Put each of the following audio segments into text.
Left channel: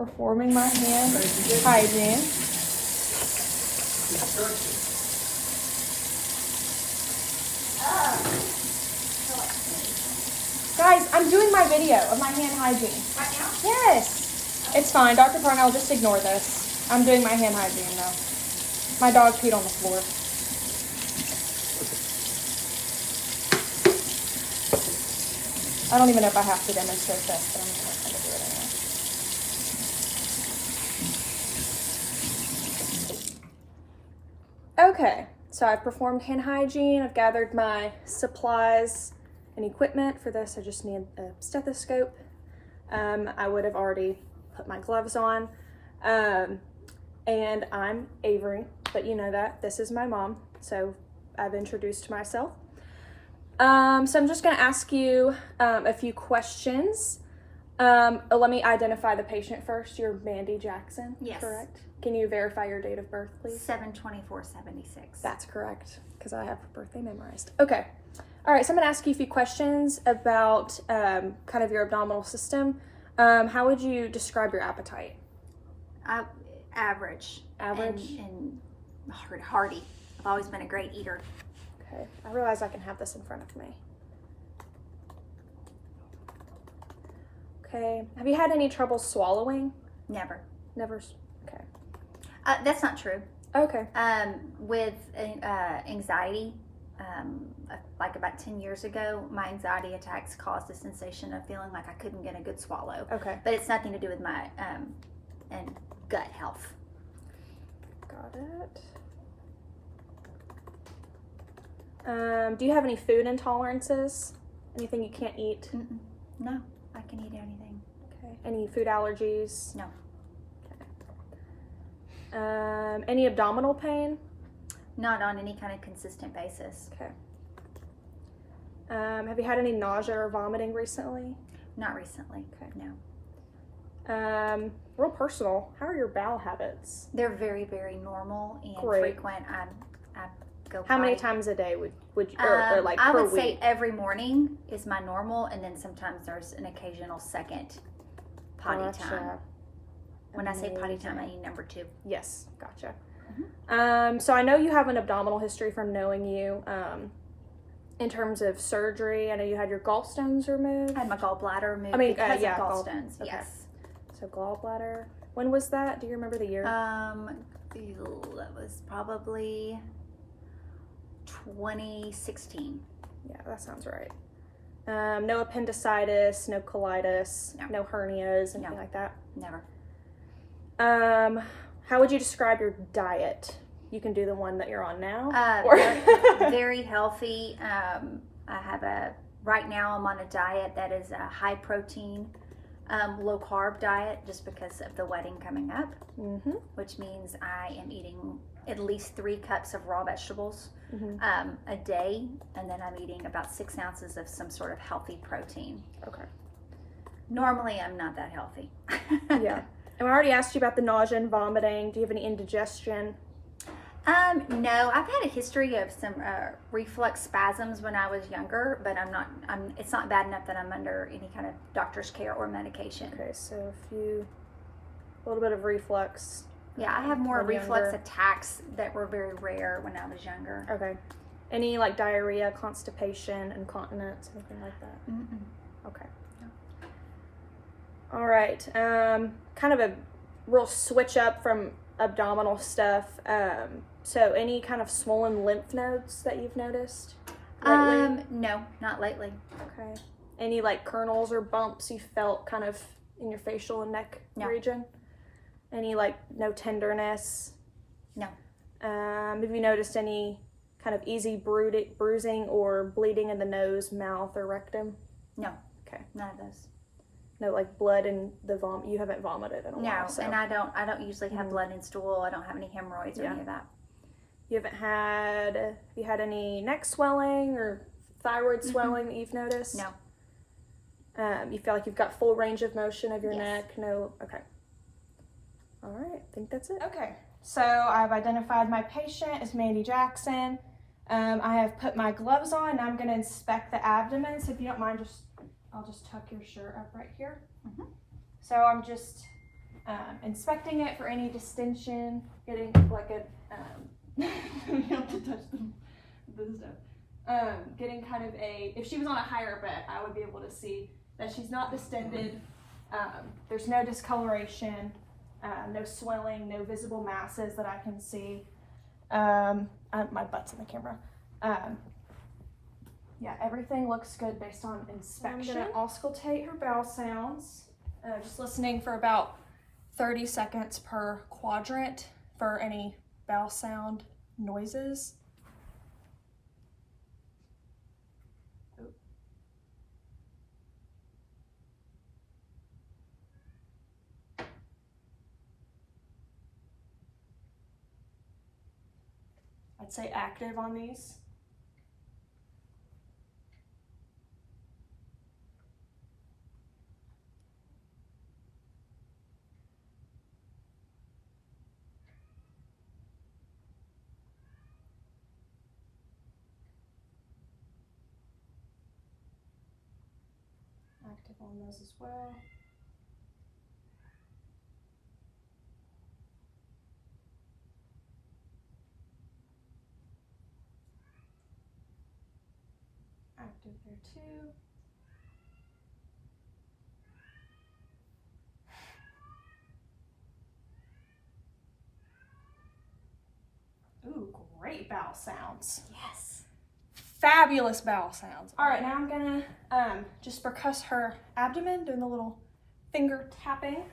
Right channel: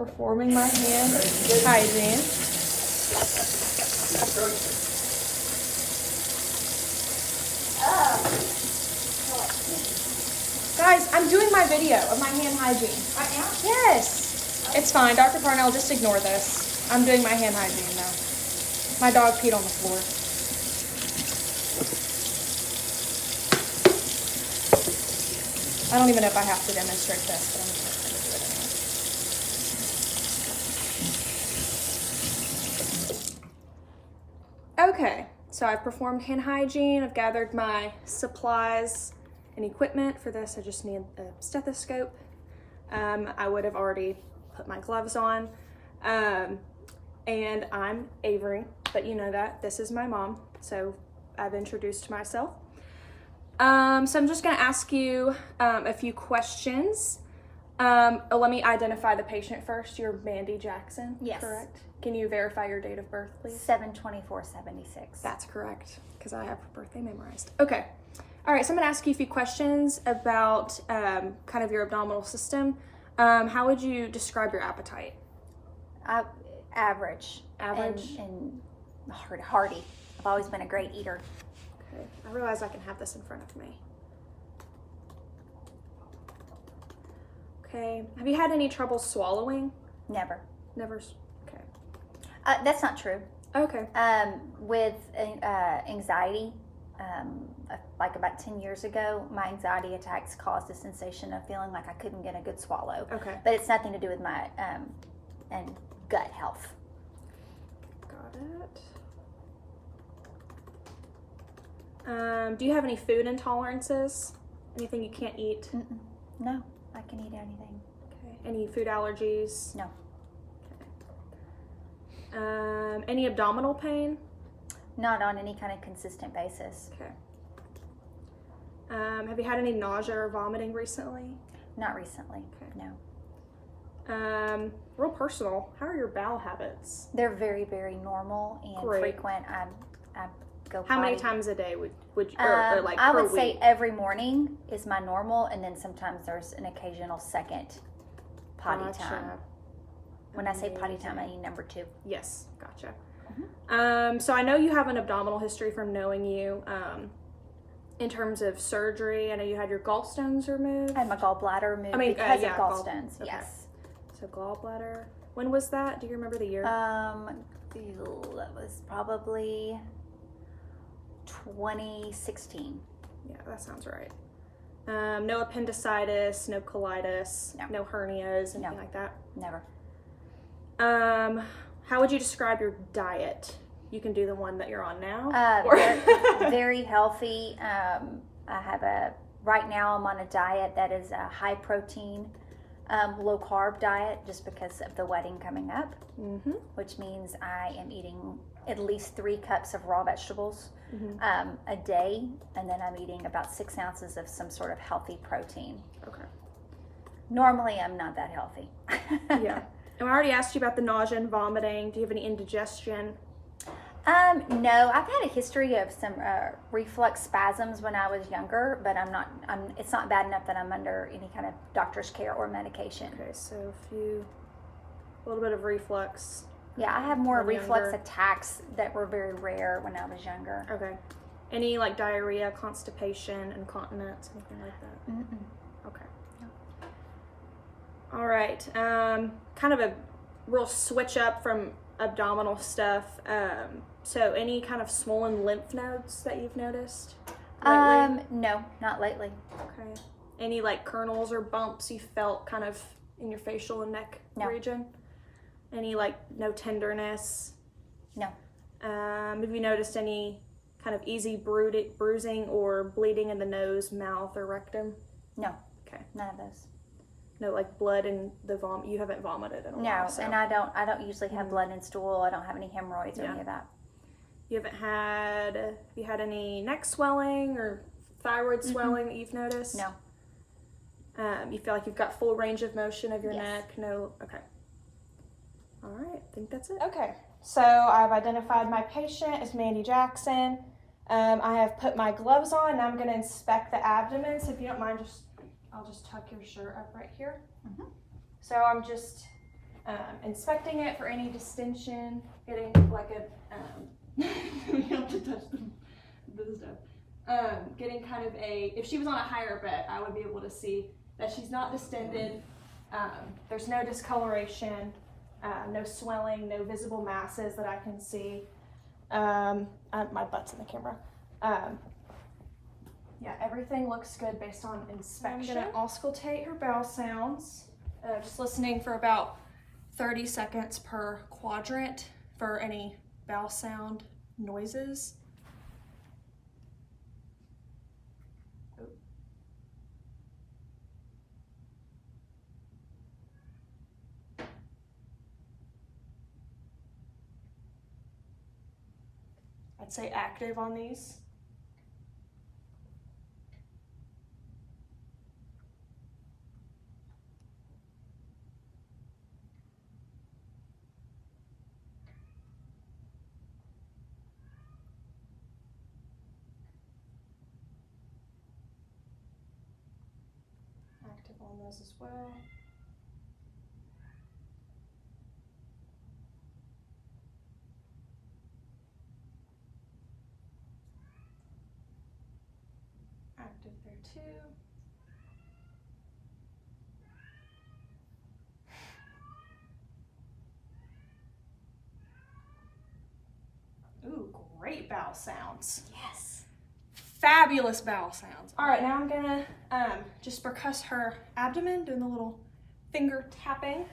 performing my hand hygiene. Guys, I'm doing my video of my hand hygiene. Right now? Yes. It's fine. Dr. Parnell, just ignore this. I'm doing my hand hygiene now. My dog peed on the floor. I don't even know if I have to demonstrate this, but I'm just going to do it anyway. Okay, so I've performed hand hygiene. I've gathered my supplies and equipment. For this, I just need a stethoscope. I would have already put my gloves on. And I'm Avery, but you know that. This is my mom, so I've introduced myself. So I'm just going to ask you a few questions. Let me identify the patient first. You're Mandy Jackson, Yes. correct? Can you verify your date of birth, please? 7/24/76. That's correct, because I have her birthday memorized. Okay. All right, so I'm going to ask you a few questions about kind of your abdominal system. How would you describe your appetite? Average. Average? And hearty. I've always been a great eater. Okay, I realize I can have this in front of me. Okay, have you had any trouble swallowing? Never. Never, okay. That's not true. Okay. With anxiety, like about 10 years ago, my anxiety attacks caused a sensation of feeling like I couldn't get a good swallow. Okay. But it's nothing to do with my and gut health. Got it. Do you have any food intolerances? Anything you can't eat? No, I can eat anything. Okay. Any food allergies? No. Okay. Any abdominal pain? Not on any kind of consistent basis. Okay. Have you had any nausea or vomiting recently? Not recently. Okay. No. Real personal, how are your bowel habits? They're very, very normal and Great. frequent. I go How many potty. times a day would you, or like I per would week? say every morning is my normal, and then sometimes there's an occasional second potty Gotcha. time. When I say potty time, I Amazing. mean number 2. Yes, gotcha. Mm-hmm. So I know you have an abdominal history from knowing you. In terms of surgery, I know you had your gallstones removed. I had my gallbladder removed because of gallstones. Yes. So gallbladder. When was that? Do you remember the year? That was probably 2016. Yeah, that sounds right. No appendicitis, no colitis, no hernias, anything like that. Never. How would you describe your diet? You can do the one that you're on now. Very healthy. Right now I'm on a diet that is a high protein, low carb diet just because of the wedding coming up, which means I am eating at least 3 cups of raw vegetables a day, and then I'm eating about 6 ounces of some sort of healthy protein. Okay. Normally I'm not that healthy. Yeah. And I already asked you about the nausea and vomiting. Do you have any indigestion? No, I've had a history of some reflux spasms when I was younger, but it's not bad enough that I'm under any kind of doctor's care or medication. Okay, so a little bit of reflux. Yeah, I have more when reflux younger. attacks that were very rare when I was younger. Okay. Any like diarrhea, constipation, incontinence, anything like that? Mm-mm. Okay. All right. Kind of a real switch up from abdominal stuff. So any kind of swollen lymph nodes that you've noticed lately? No, not lately. Okay. Any like kernels or bumps you felt kind of in your facial and neck region? Any like no tenderness? No. Have you noticed any kind of easy bruising or bleeding in the nose, mouth, or rectum? No. Okay. None of those. No, like blood in the vomit. You haven't vomited in a while. No, and I don't usually have blood in stool. I don't have any hemorrhoids or any of that. You have you had any neck swelling or thyroid swelling that you've noticed? No. You feel like you've got full range of motion of your Yes. neck? No? Okay. All right, I think that's it. Okay, so I've identified my patient as Mandy Jackson. I have put my gloves on. Now I'm going to inspect the abdomen. So if you don't mind, I'll just tuck your shirt up right here. So I'm just inspecting it for any distension, getting like a, you have to touch the stuff. Getting kind of if she was on a higher bed, I would be able to see that she's not distended. There's no discoloration, no swelling, no visible masses that I can see. My butt's in the camera. Yeah, everything looks good based on inspection. I'm gonna auscultate her bowel sounds, just listening for about 30 seconds per quadrant for any bowel sound noises. I'd say active on these. Active on those as well. Active there too. Ooh, great bowel sounds. Yes. Fabulous bowel sounds. All right, now I'm gonna just percuss her abdomen, doing the little finger tapping.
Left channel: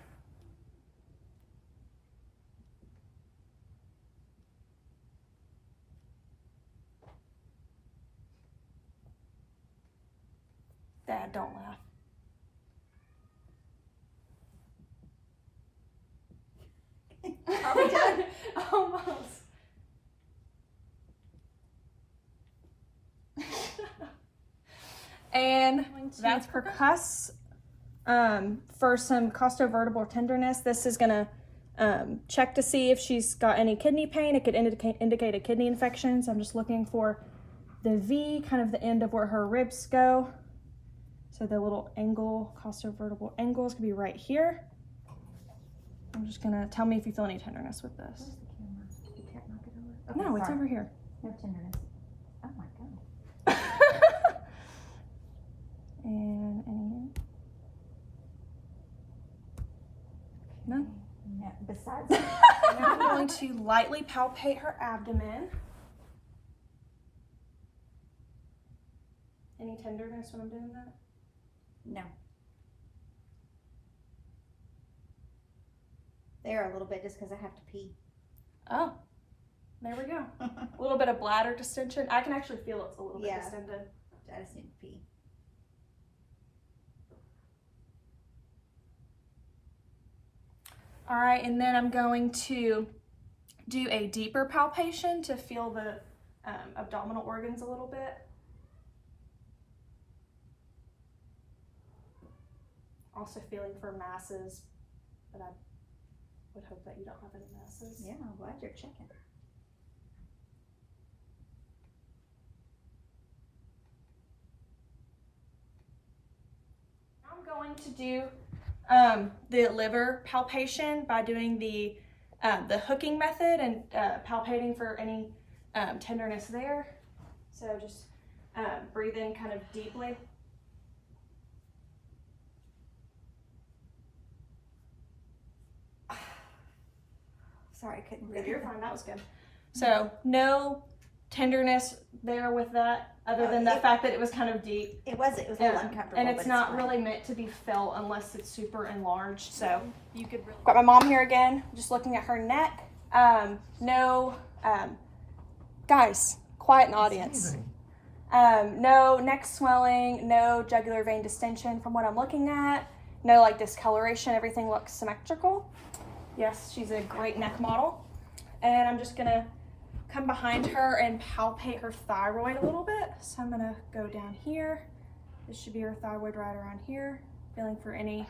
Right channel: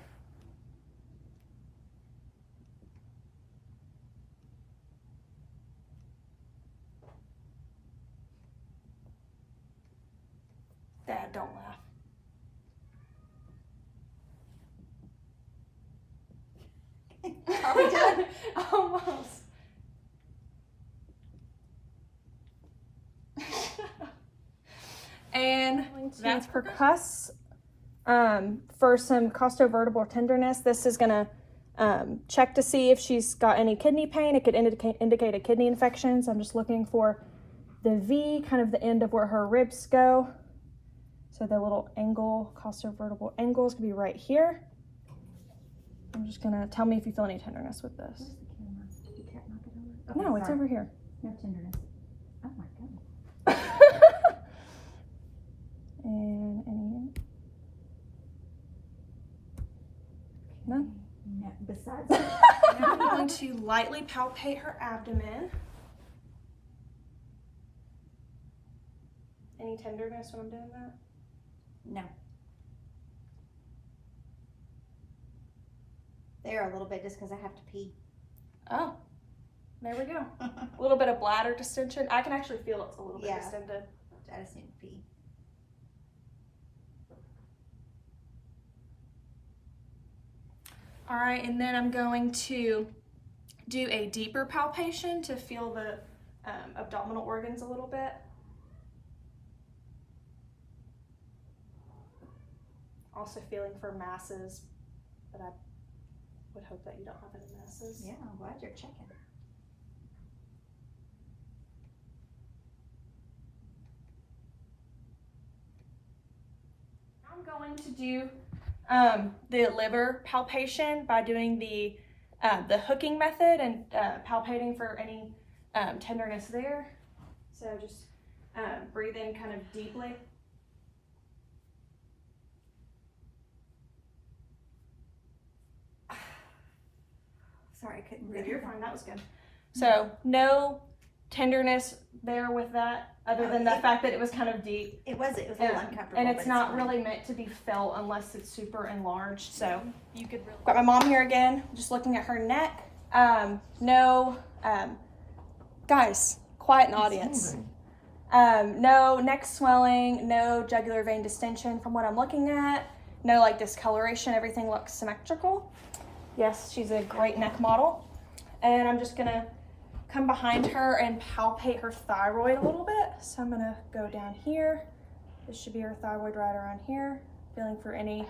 Dad, don't laugh. Are we done? Almost. And that's percuss for some costovertebral tenderness. This is gonna check to see if she's got any kidney pain. It could indicate a kidney infection. So I'm just looking for the V, kind of the end of where her ribs go. So the little angle, costovertebral angles could be right here. I'm just gonna tell me if you feel any tenderness with this. Where's the camera? You can't knock it over? No, Okay, it's sorry. over here. No tenderness. Oh my god. And any, none? No, besides Now I'm going to lightly palpate her abdomen. Any tenderness when I'm doing that? no. There a little bit just because I have to pee. Oh, there we go. A little bit of bladder distension. I can actually feel it's a little bit Yeah. distended. I just need to pee. All right, and then I'm going to do a deeper palpation to feel the abdominal organs a little bit. Also feeling for masses, but I would hope that you don't have any masses. Yeah, I'm glad you're checking. I'm going to do the liver palpation by doing the hooking method and palpating for any tenderness there. So just breathe in kind of deeply. Sorry, I couldn't No, breathe. you're fine, that was good. So no tenderness there with that, other than the fact that it was kind of deep. It was a little uncomfortable. And it's but not fine. really meant to be felt unless it's super enlarged. So you could really. Got my mom here again, just looking at her neck. Guys, quiet in audience. No neck swelling, no jugular vein distension from what I'm looking at. No like discoloration, everything looks symmetrical. Yes, she's a great neck model. And I'm just gonna come behind her and palpate her thyroid a little bit. So I'm gonna go down here. This should be her thyroid right around here. Feeling for any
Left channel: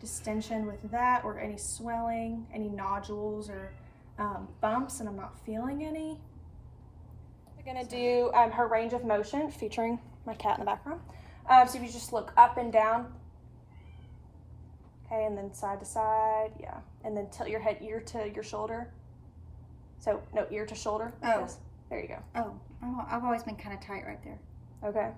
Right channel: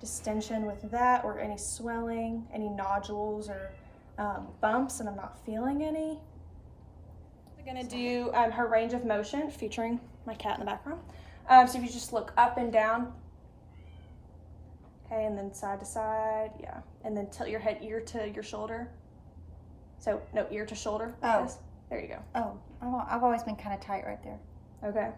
distension with that or any swelling, any nodules or bumps, and I'm not feeling any. I'm gonna do her range of motion featuring my cat in the background. So if you just look up and down, Okay, and then side to side, yeah. And then tilt your head ear to your shoulder. So, no, ear to shoulder. Oh. There you go. Oh, I've always been kind of tight right there. Okay.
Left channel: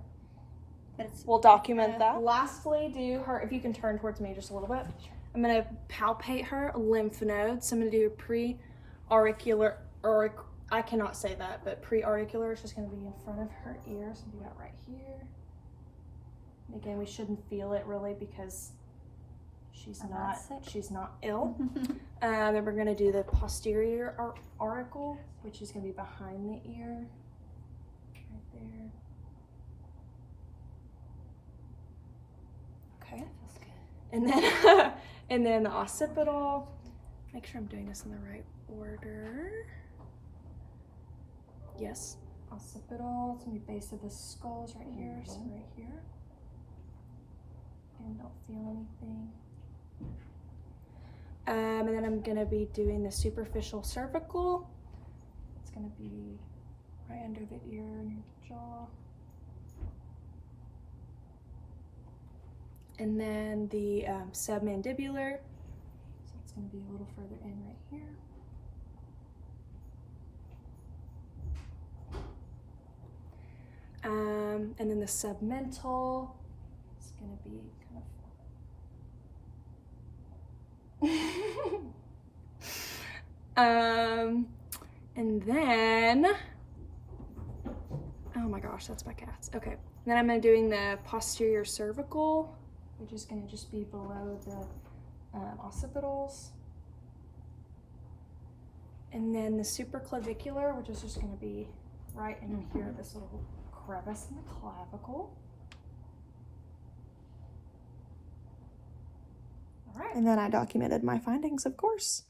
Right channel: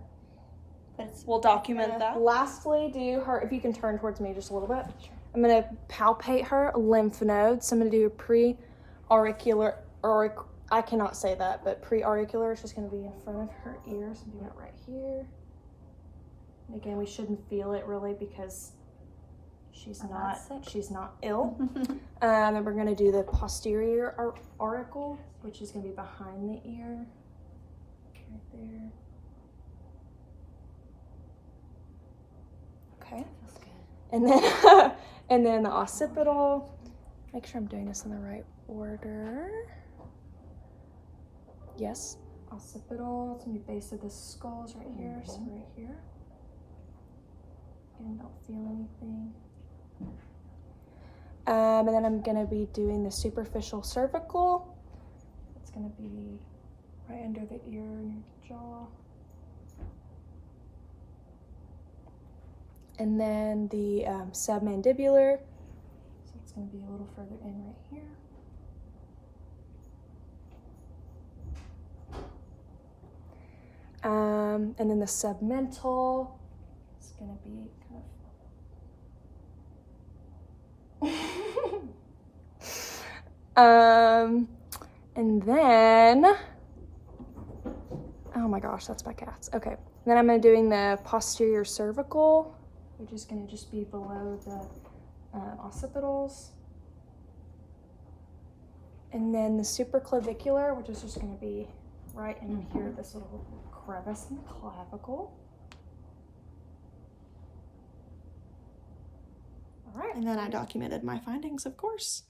But it's, We'll document that. Lastly, do her, if you can turn towards me just a little bit. I'm going to palpate her lymph nodes. So I'm going to do a pre-auricular, or I cannot say that, but pre-auricular is just going to be in front of her ears. So do that right here. And again, we shouldn't feel it really because she's not ill. And then we're going to do the posterior auricle, which is going to be behind the ear, right there. Okay. That's good. And then and then the occipital. Make sure I'm doing this in the right order. Yes. Occipital. It's gonna be base of the skulls right here. So right here. And don't feel anything. And then I'm gonna be doing the superficial cervical. It's gonna be right under the ear and your jaw. And then the submandibular, so it's going to be a little further in right here. And then the submental is going to be kind of and then, oh my gosh, that's my cats. Okay, then I'm doing the posterior cervical, which is going to just be below the occipitals. And then the supraclavicular, which is just going to be right in here, this little crevice in the clavicle. All right. And then I documented my findings, of course.